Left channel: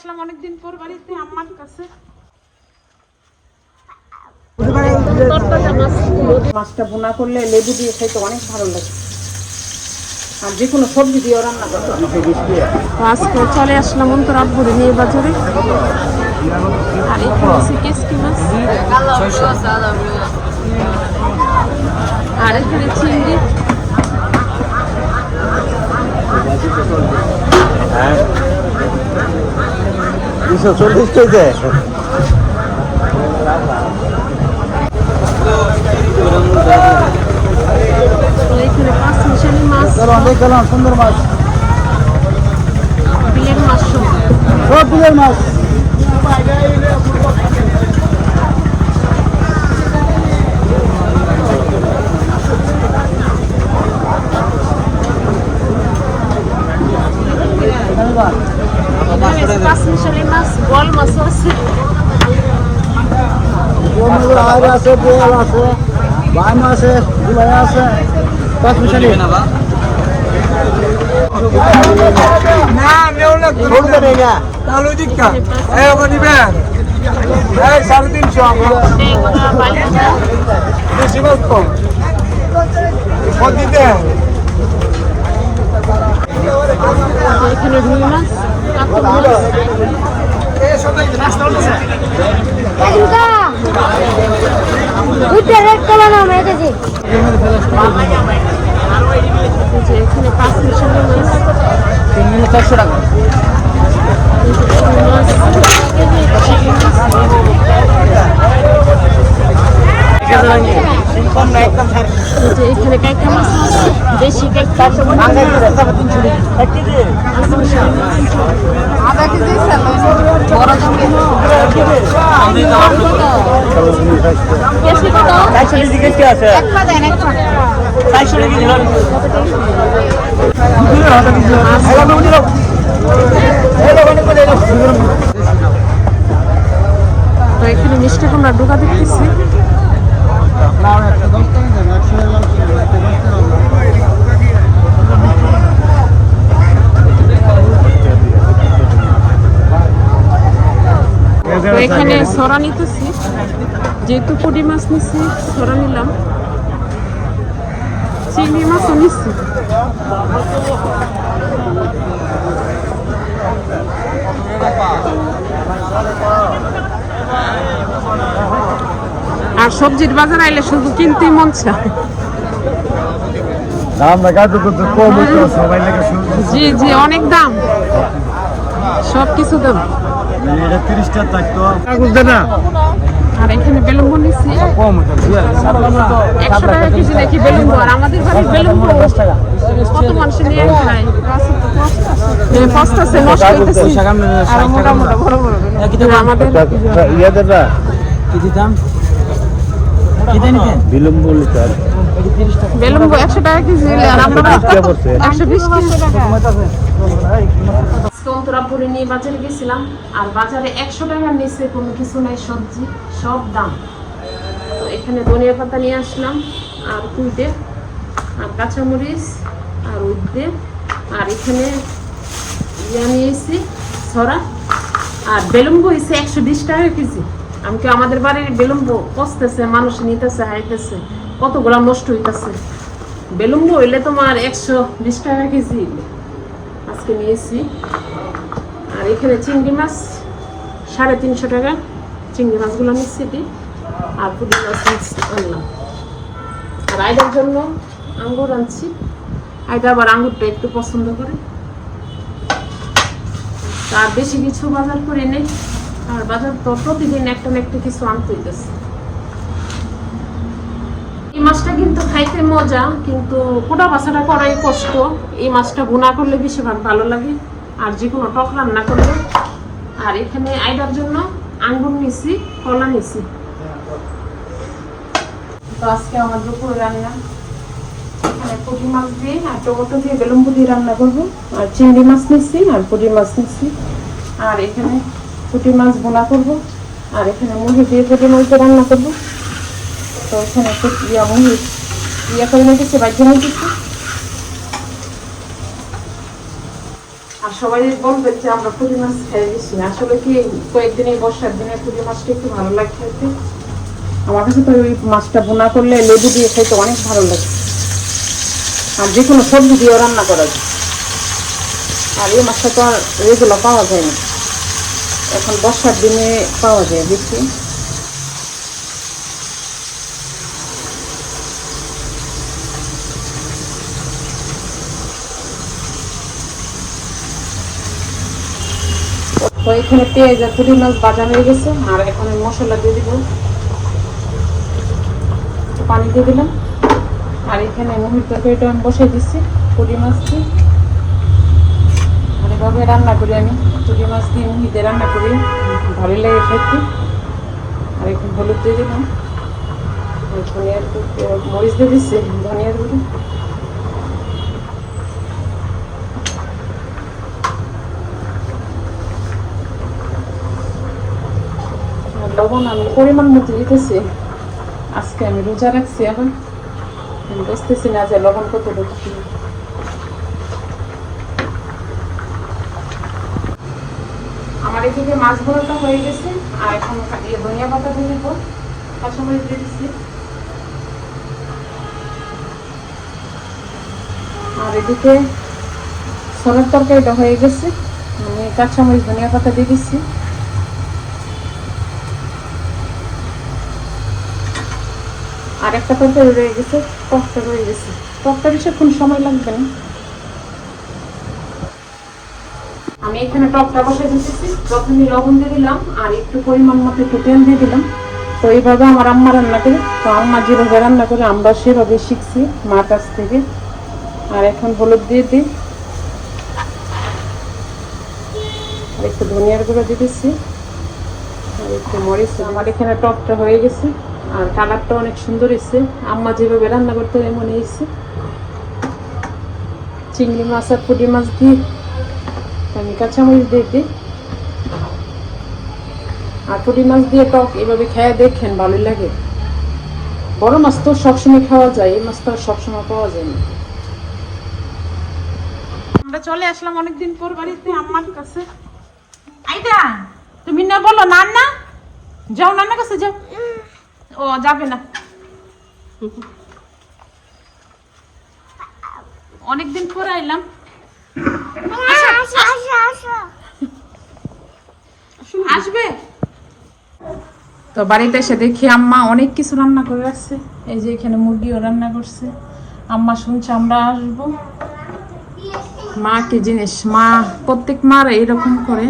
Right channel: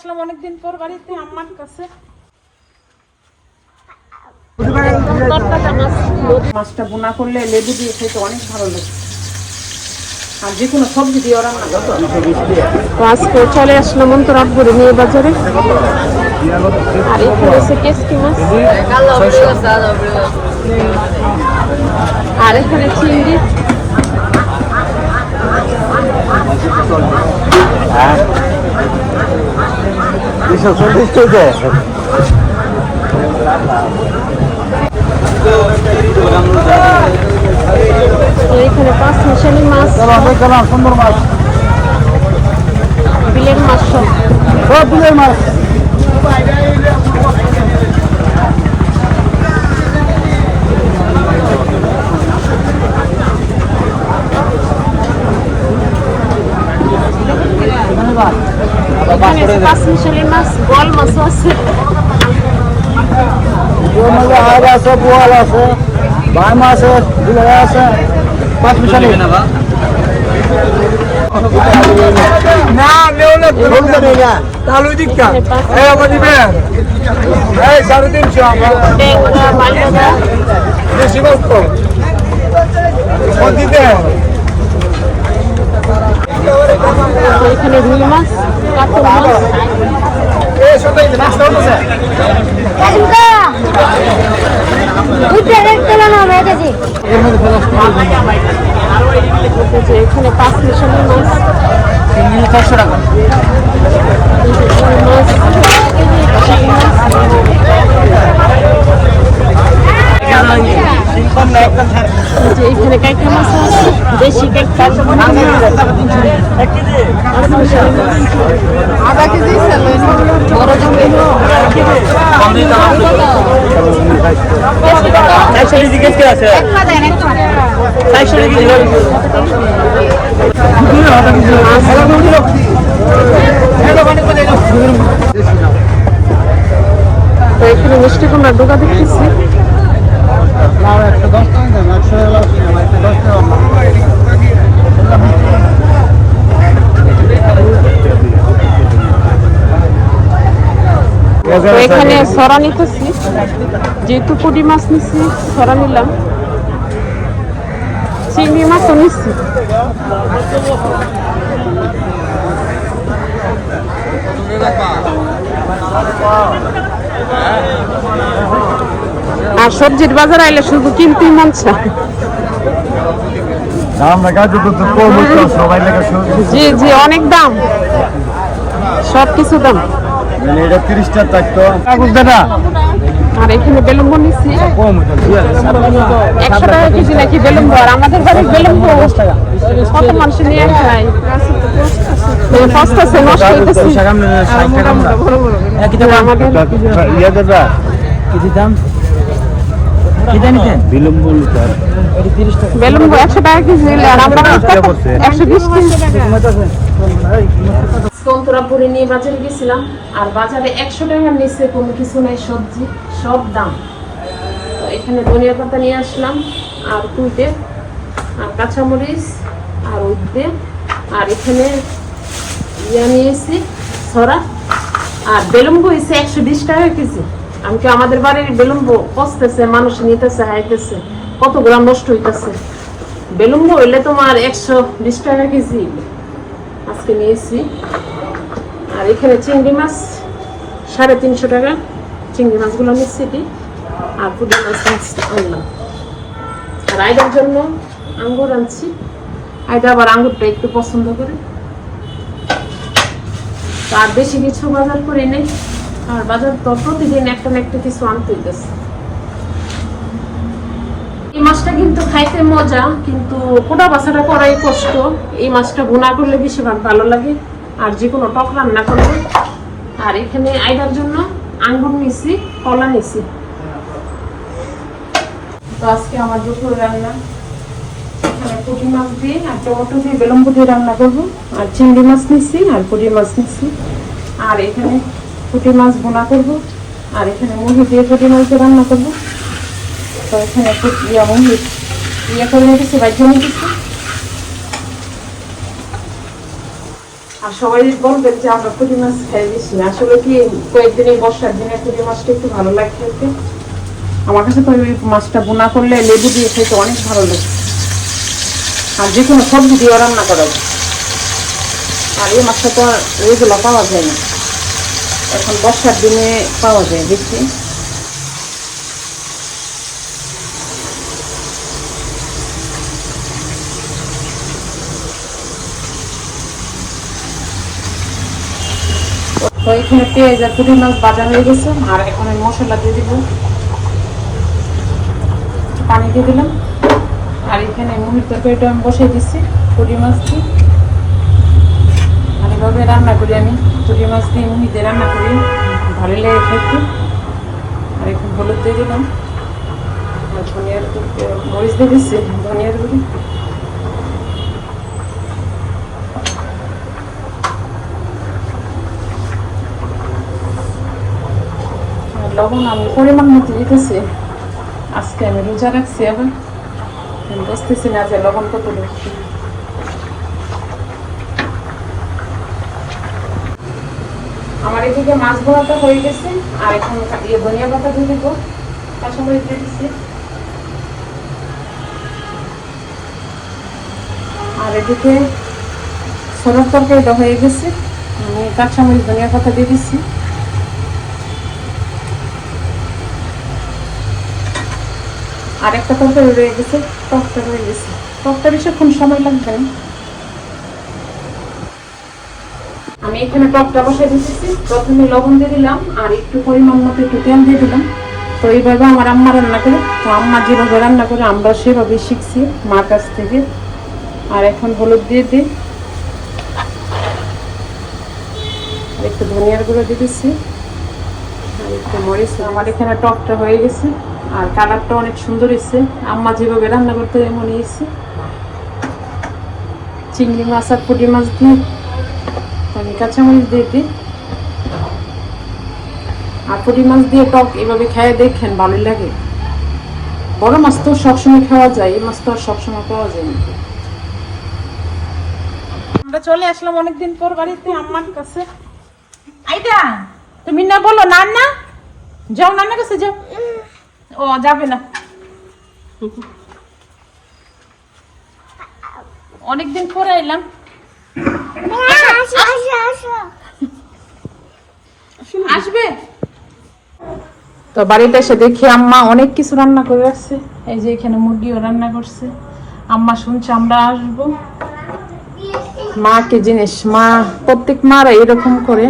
আসলাম অনেকদিন পর বাড়িতে আম্মার কাছে। মাছটা বোনা করলে লেবু দিয়ে খেতে অনেক ভালো লাগে। আর যে কোনো সবজি দিয়ে রান্না করতে আজকে চলে আসলাম অন্তরাত ভরে নিয়ে বাজারে। আর এখানে আছে কেসকি মাছ। আর এখানে চিংড়ি। দুশো চল্লিশ কেজি তো এখানে পাঁচ মিশালি মাছ সুন্দর মাছ বিলের মাছ সব সব বিলের মাছ আছে পাঁচ মিশালি মাছ গোল মাছও আছে। ওই মাঝে আগ আছে বোয়াল আছে বাম আছে গুলো আছে পাঁচ মিশালি। না নেই। না। তালু দিকটা। এই আমার দিবেন এই সাড়ে তিনশো। মাইনা বেশি দিতে তো এখানে রুই মাছ। এখানে পাঁচ মিশালি মাছ মাছ চিংড়ি মাছ এই যে এখানে কাইকা মাছ আছে দেশি কাইকা পাঁচ মিশালি মাছ আধা কেজি কেজি আছে চারশো কেজি তো এখানে মিষ্টি কুমড়া ডোকা দেখতেছি একশো দশ টাকা একশো একশো দশ টাকা তো এখানে সরা নিতেছি। যেহেতু পুঁটি মাছ নিচ্ছি সরা নিলাম। চিংড়ি মাছও নিচ্ছি আর সবজির বাজার আইলে শুধু কিনতেই মন চায়। জি জি অনেক দাম। সব কিছু দাম। মানে এটা তিরিশটা থাকতো কাগজ দে না আর এখানে বেলুম্বু নিচ্ছি। একশো টাকা কেজি নাকি বেলুন আর আমাদের বাড়ির বেলুম্বু কত মানুষ নিয়ে আসে? সস্তা নষ্ট হইতেছে। আমাদের দেবা। বিলম্ব বেলুম্বু একশো টাকা কেজি আর আমরা একশো বিশ কেজি। সন্তরা নিয়ে বাজারে গেছিলাম আর বাজারে একশো টাকার নিচে কোনো কিছু নাই সবজি সব দাম। তো এখানে ধনিয়া পাতা নিয়ে আসলাম আর কুইটে আর কাঁচামরিচ আর উদ্দে আর এখানে ইয়া নিয়েছি ছড়া আর বেলুম্বু হয়েছে একশো বিশ টাকা কেজি। আমি কি আমাদের বাড়ির বেলুম্বু পচতেছে মানুষ নিতেছে হাইতেছে কতগুলো নষ্ট হইতেছে? বেলুম্বু হইলে তোমার একশো বিশ টাকা কেজি। আজকে নিয়েছি। আর এখানে চিংড়ি মাছ, সাড়ে তিনশো টাকা। চিংড়ি মাছগুলো নিচ্ছি আর পুরি মাছ আনলাম আর আইডার জন্য আঙ্গুর আনছি। আইডা আবার আঙ্গুরটা একটু পছন্দ করে। আর বেশি কিছু বাজার করে নেই। আর বাজার তো প্রতিদিন একটা না একটা কিছু এই মাছটা কিন্তু খাইতে মজা, কিন্তু কোটা করাই কষ্ট। এই মাছটা ভুনা করলে বেশি ভালো লাগে। আর যে কোনো টক রান্না করলে। আর এখানে আইডার জন্য আঙ্গুর নিছি, কলা নিছি। তো আজকে আমার দুপুরে রান্না। এখানে পুঁটি মাছ দিয়ে, আর টমেটো দিয়ে বেলম্বু দিয়ে রান্না করব। আর চিংড়ি মাছ নিচ্ছি আর পুঁটি মাছ নিচ্ছি আর এখানে পুঁটি মাছ ভুনা করব, আর এখানে মুরগি দিয়ে পুঁটি মাছ রান্না করব। তো এখানে একটু ইয়া মুরগি ইয়ে করে দিচ্ছি বাইক দিচ্ছি আর সবাই বলবেন যে আমরা পুঁটি মাছ খাই বেশি আসলে কি কয়েকদিন এই বর্ষার দিনে পুঁটি মাছটা একটু ভালো লাগে খেতে? আমার কাছে তো ওই মাছটা বোনা করলে লেবু দিয়ে খেতে অনেক ভালো লাগে। আর যে কোনো সবজি দিয়ে রান্না করা যায়। আর এই মাছটা তো এগুলো পাওয়া যায় না। এখন বর্ষার দিনে পাওয়া যায় দেখছি এখানে পেঁয়াজ আর মাছ ভাজা হয়ে গেছে, আর এখন মশলা দিয়ে দিব। পানি দিয়ে দিলাম। আর এখানে মুহির তরকারিটা আমি বসিয়ে দিচ্ছি, পুঁটি মাছ দিয়ে রান্না করি আমি পুঁটি মাছ দিয়ে মুহিতে রান্না করি ভালো লাগে খেতে আর একটু হলুদ দিয়ে দিলাম আর ধনিয়ার মরিচ দিয়ে দিচ্ছি ধনিয়ার গুঁড়ি আর লবণ আমি পরিমাণ মতো দিতেছি আজকে আমি রোজা রাখছি আবার আমি বুঝতেছি না যে লবণ কত আমার এদিকে মাছ ভরাটা হয়ে গেছে, আর এখন ইয়ে ধনিয়া পাতা দিয়ে দিব। কাঁচামরিচ দিয়ে দিচ্ছি আর এদিকে সোনার তরকারিটা হয়ে গেছে। কাঁচামরিচ, ধনিয়া পাতা দিয়ে দিচ্ছি আর একটা তরকারি রয়ে গেছে টকটা রয়ে গেছে। টকটা বেশিক্ষণ সময় লাগবে না। আমি এখানে টকটা বসাই দিতেছি। প্রথমে লবণ দিয়ে দিলাম, আর একটু পরিমাণ মতো একটু তেল দিয়ে দিলাম। তো এইভাবে আমার আম্মা রান্না করে, তো আম্মা যেভাবে রান্না করে, আমরা সেভাবে শিখছি মার কাছ থেকে। আর এখন হলুদ দিয়ে দিই। একটু ধনিয়ার গুঁড়ো আর একটু আমার এখানে টকটা হয়ে গেছে, আর কালারটা অনেক সুন্দর এসেছে আম্মা যেভাবে রান্না করতে মনে গেছি চিংড়ি মাছ আর পুঁটি মাছ দিয়ে কাঁচামরিচ দিয়ে দিই। আর পুঁটি মাছ দিয়ে টক এভাবে খেয়ে দেখেন, ভালো লাগে। বড় মাছ তো সবসময় খাওয়া যায়, এই মাছ তো আর সবসময় পাওয়া যায় না। আমরা চলে আসলাম অনেকদিন পর বাড়িতে আম্মার কাছে। আইডা তুমি না বলো নান্না? যাও নান্না কাছে যাও। ও, যাবে না। অনেকদিন পরে এলাম তো বাড়িতে এসে দেখি আম্মা অনেক কিছু রান্না করে আসছে। এই যে এখানে মুরগিও রান্না করছে। আম্মা শুনছে আমরা আসব। মা কি জিনিস? মা, প্রত্যেক মারা এরকম করে।